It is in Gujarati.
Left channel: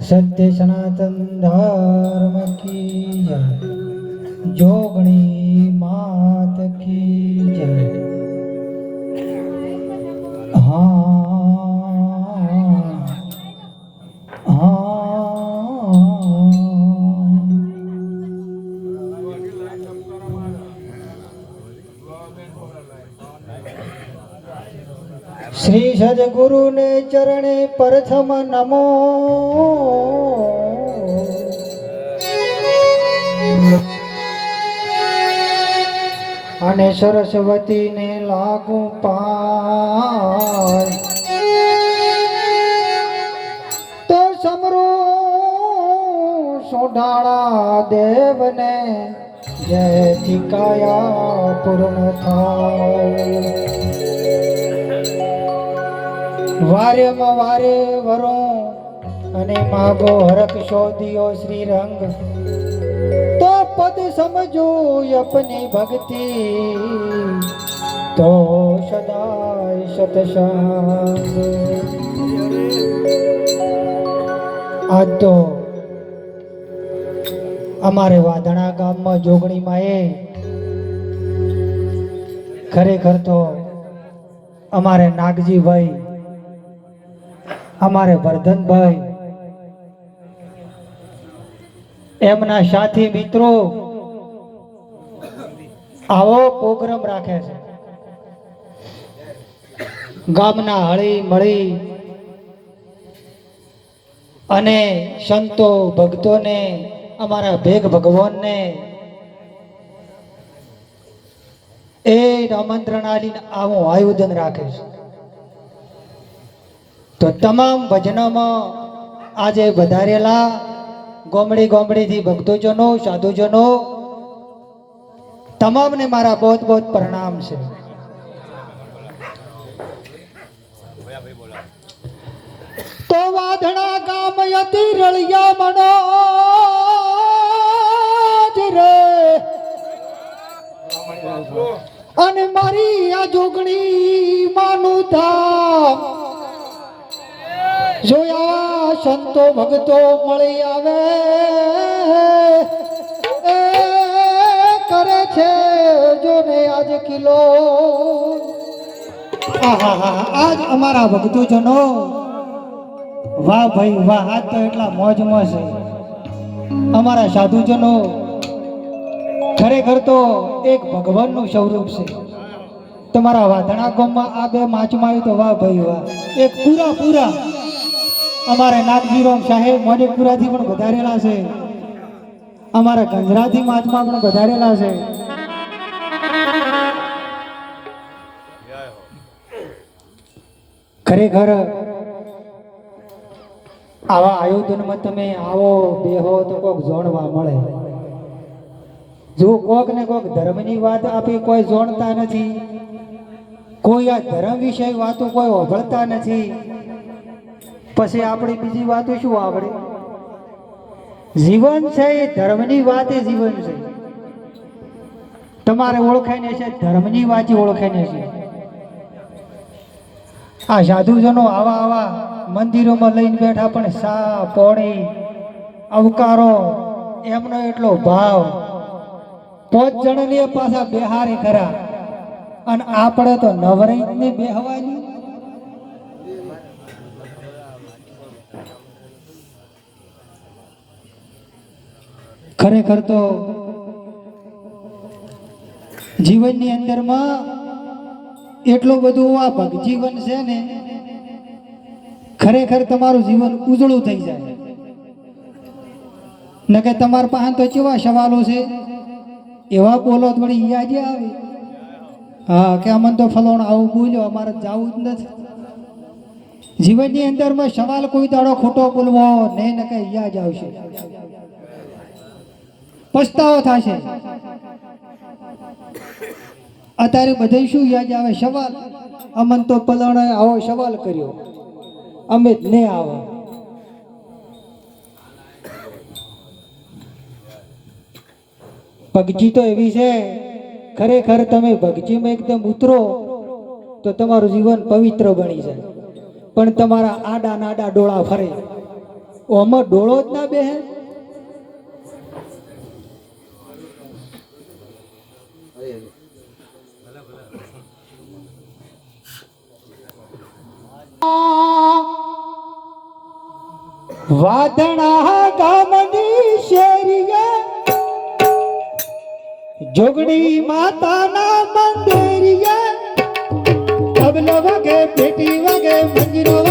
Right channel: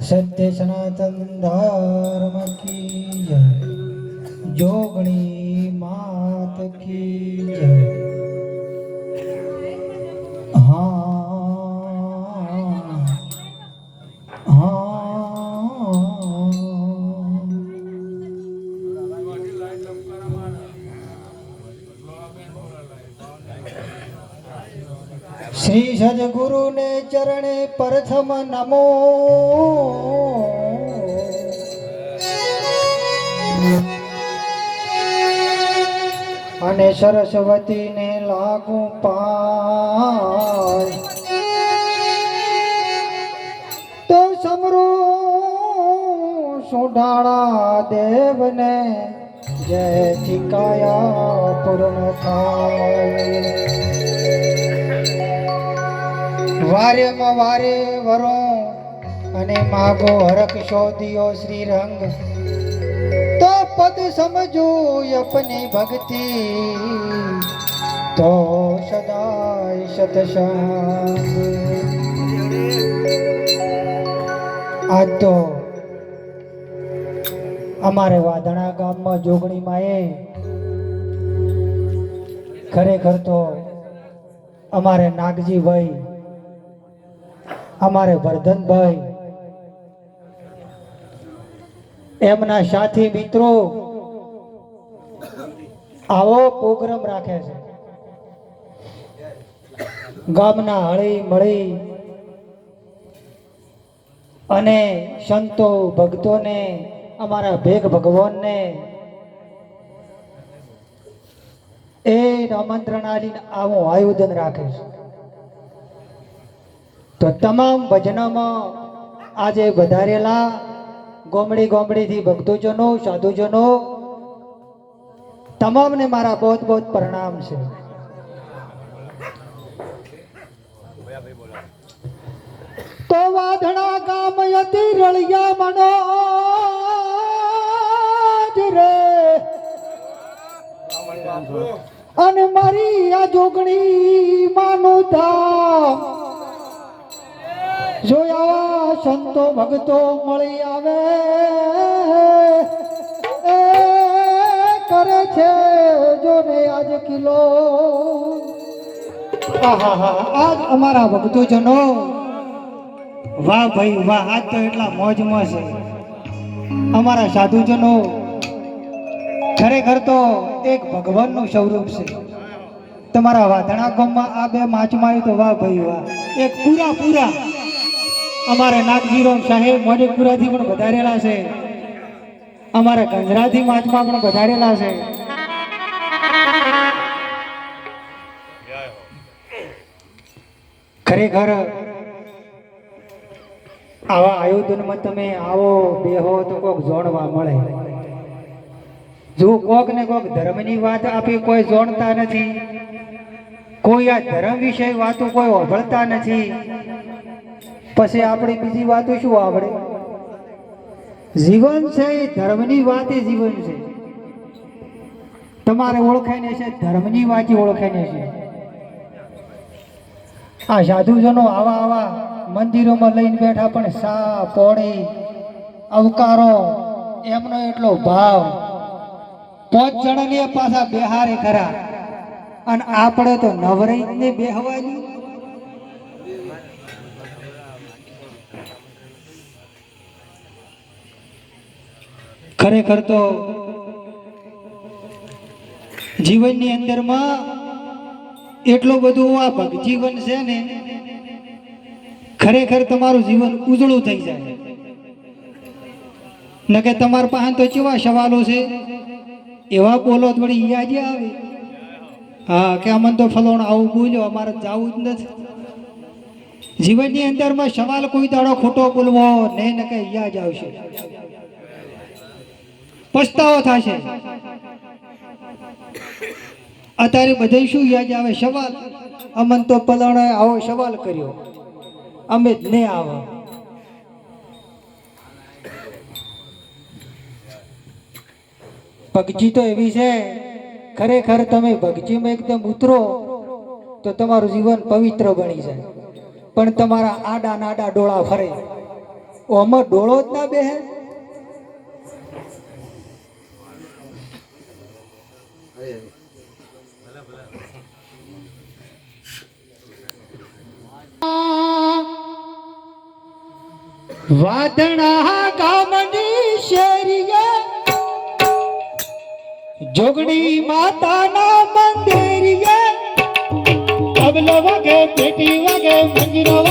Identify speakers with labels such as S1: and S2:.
S1: સત્ય સનાતન ધર્મ કી જોગણી માત શ્રી સદગુરુને ચરણે પ્રથમ નમો. અને સરસ્વતીને લાગુ પાય તો સમરો સુઢાણા દેવને જય કાયા પૂર્ણ થાય. વારેમાં વારે વરો અને માગો હરક શોધિયો શ્રી રંગ તો પદ સમજો અપની ભક્તિ. તો સદાય સતસંગ. આજ તો અમારે વાધણા ગામમાં જોગણીમાં એ ખરેખર તો અમારે નાગજીભાઈ અમારે વર્ધનભાઈ. એમના સાથી મિત્રો, આવો પ્રોગ્રામ રાખે છે. ગામના હળી મળી અને સંતો ભક્તોને, અમારા ભેગ ભગવાનને એ આમંત્રણ આલીને આવું આયોજન રાખે છે. તો તમામ ભજનોમાં આજે વધારેલા ગોમડી ગોમડીથી ભક્તોજનો, સાધુજનો, તમામને મારા બહુ બહુ પ્રણામ છે. તો વાધણા ગામ અતિ રળિયા મનો રે. અને મારી આ જોગણી માનું સંતો ભક્તો મળી આવે. એ કરે છે જોને આજ કિલો. આજ અમારા ભક્તો જનો વાહ ભાઈ વાહ, આજ તો એટલા મોજમાં છે. અમારા સાધુજનો, ખરેખર તો એક ભગવાનનું સ્વરૂપ છે. તમારા વાધણા ગામમાં આ બે માચમાં આવ્યું તો વાહ ભાઈ વાહ. એક પૂરા પૂરા. અમારે નાગજીરામ સાહેબ મોનિકપુરાથી પણ વધારેલા છે. અમારે ગંજરાથી માજમાં પણ વધારેલા છે. ખરેખર આવા આયોજનમાં તમે આવો, બેહો તો કોક જોણવા મળે. જો કોક ને કોક ધર્મની વાત આપી કોઈ જોણતા નથી, કોઈ આ ધર્મ વિશે વાતો કોઈ ઓભળતા નથી પછી આપણે બીજી વાતો શું આવડે? જીવન છે એ ધર્મની વાત એ જીવન છે. તમારે ઓળખાઈને છે ધર્મની વાત ઓળખાઈને છે. આ સાધુજનો આવા આવા મંદિરોમાં લઈને બેઠા પણ સા, પોણી, અવકારો, એમનો એટલો ભાવ. પાંચ જણને પાછા બેહારે ખરા. અને આપણે તો નવરી ને બેહવાની. ખરેખર તો જીવનની અંદરમાં એટલું બધું આ ભગજીવન છે ને, ખરેખર તમારું જીવન ઉજળું થઈ જાય. ન કે તમારા પાસે તો કેવા સવાલો છે? એવા બોલો થોડી યાદ આવે. હા, કે અમને તો ફલોણ આવું બોલ્યો, અમારે જવું જ નથી. જીવનની અંદરમાં સવાલ કોઈ દાડો ખોટો બોલવો નહીં ને કે યાદ આવશે. પસ્તાવો થશે. અત્યારે બધે શું યાદ આવે? સવાલ. અમન તો પલાણાએ આવો સવાલ કર્યો. અમે જ નહીં આવો. ભગજી તો એવી છે. ખરેખર તમે ભગજીમાં એકદમ ઉતરો, તો તમારું જીવન પવિત્ર બની જાય. પણ તમારા આડા નાડા ડોળા ફરે. ઓમાં ડોળો જ ના બેહે? વાદણા ગામની શેરીએ જોગડી માતાના મંદિરીએ
S2: તબલો વાગે પેટી વાગે મંજીરો